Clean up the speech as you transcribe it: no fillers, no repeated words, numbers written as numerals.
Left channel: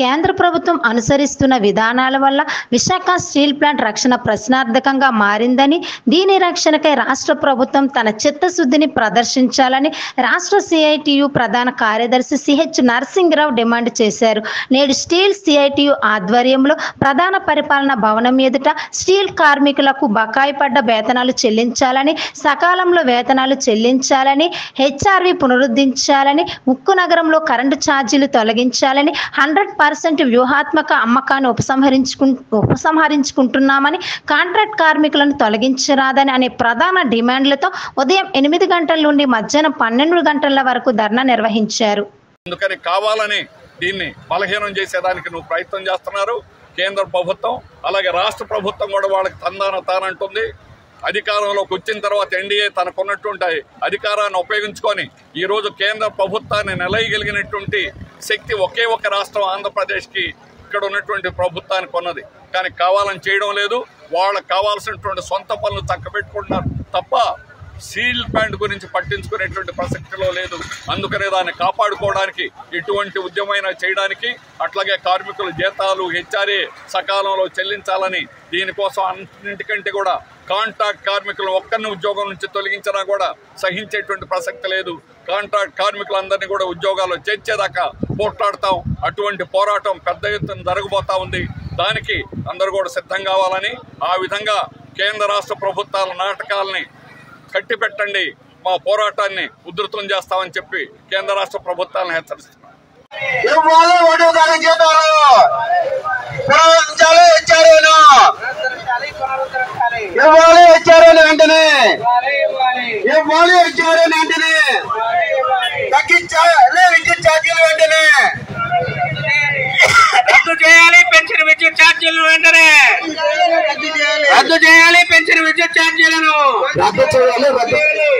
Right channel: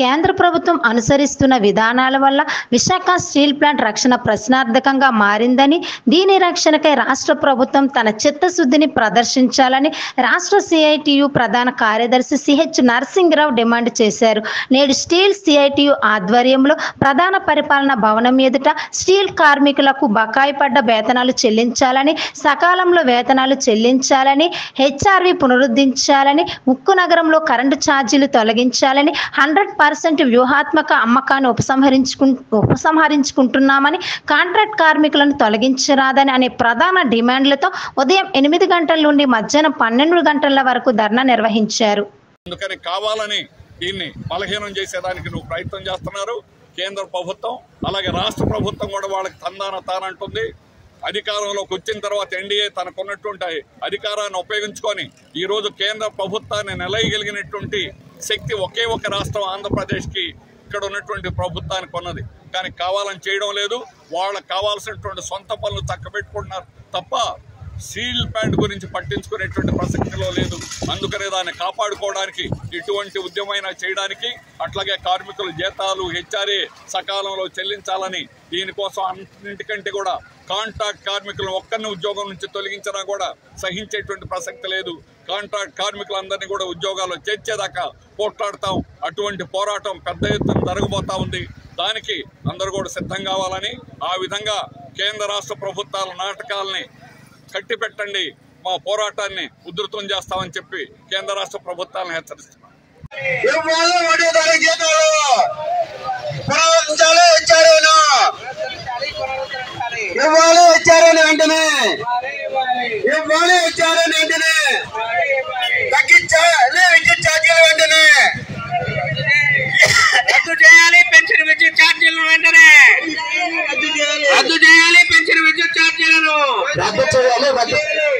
కేంద్ర ప్రభుత్వం అనుసరిస్తున్న విధానాల వల్ల విశాఖ స్టీల్ ప్లాంట్ రక్షణ ప్రశ్నార్థకంగా మారిందని, దీని రక్షణకై రాష్ట్ర ప్రభుత్వం తన చిత్తశుద్ధిని ప్రదర్శించాలని రాష్ట్ర సిఐటియు ప్రధాన కార్యదర్శి సిహెచ్ నరసింగరావు డిమాండ్ చేశారు. నేడు స్టీల్ సిఐటియు ఆధ్వర్యంలో ప్రధాన పరిపాలన భవనం ఎదుట స్టీల్ కార్మికులకు బకాయి పడ్డ వేతనాలు చెల్లించాలని, సకాలంలో వేతనాలు చెల్లించాలని, హెచ్ఆర్వి పునరుద్ధరించాలని, ఉక్కు నగరంలో కరెంటు ఛార్జీలు తొలగించాలని, 100% వ్యూహాత్మక అమ్మకాన్ని ఉపసంహరించుకుంటున్నామని, కాంట్రాక్ట్ కార్మికులను తొలగించరాదని అనే ప్రధాన డిమాండ్లతో ఉదయం 8 గంటల నుండి మధ్యాహ్నం 12 గంటల వరకు ధర్నా నిర్వహించారు. అందుకని కావాలని దీన్ని బలహీనం చేసేదానికి నువ్వు ప్రయత్నం చేస్తున్నారు కేంద్ర ప్రభుత్వం. అలాగే రాష్ట్ర ప్రభుత్వం కూడా వాళ్ళకి తానంటుంది. అధికారంలోకి వచ్చిన తర్వాత ఎన్డీఏ తనకున్నటువంటి అధికారాన్ని ఉపయోగించుకొని ఈరోజు కేంద్ర ప్రభుత్వాన్ని నిలయగలిగినటువంటి శక్తి ఒకే ఒక రాష్ట్రం ఆంధ్రప్రదేశ్కి ఇక్కడ ఉన్నటువంటి ప్రభుత్వానికి ఉన్నది. కానీ కావాలని చేయడం లేదు. వాళ్ళకి కావాల్సినటువంటి సొంత పనులు చక్కబెట్టుకుంటున్నారు తప్ప స్టీల్ ప్లాంట్ గురించి పట్టించుకునేటువంటి ప్రసక్తిలో లేదు. అందుకనే దాన్ని కాపాడుకోవడానికి ఎటువంటి ఉద్యమైనా చేయడానికి, అట్లాగే కార్మికుల జీతాలు హెచ్ఆర్ఏ సకాలంలో చెల్లించాలని, దీనికోసం అన్నింటికంటే కూడా కాంట్రాక్ట్ కార్మికులను ఒక్కరిని ఉద్యోగం నుంచి తొలగించినా కూడా సహించేటువంటి ప్రసక్తి లేదు. కాంట్రాక్ట్ కార్మికులందరినీ కూడా ఉద్యోగాల్లో చేర్చేదాకా పోట్లాడతాం. అటువంటి పోరాటం పెద్ద ఎత్తున జరగబోతా ఉంది. దానికి అందరూ కూడా సిద్ధం కావాలని, ఆ విధంగా కేంద్ర రాష్ట్ర ప్రభుత్వాల నాటకాలని కట్టిపెట్టండి, మా పోరాటాన్ని ఉధృతం చేస్తామని చెప్పి కేంద్ర రాష్ట్ర ప్రభుత్వాలను హెచ్చరిస్తున్నాం. విద్యుత్ ఛార్జీలు వెంటనే రద్దు చేయాలి. పెన్షన్ విద్యుత్ ఛార్జీలను వెంటనే రద్దు చేయాలి. పెన్షన్ విద్యుత్ ఛార్జీలను రద్దు చేయాలి.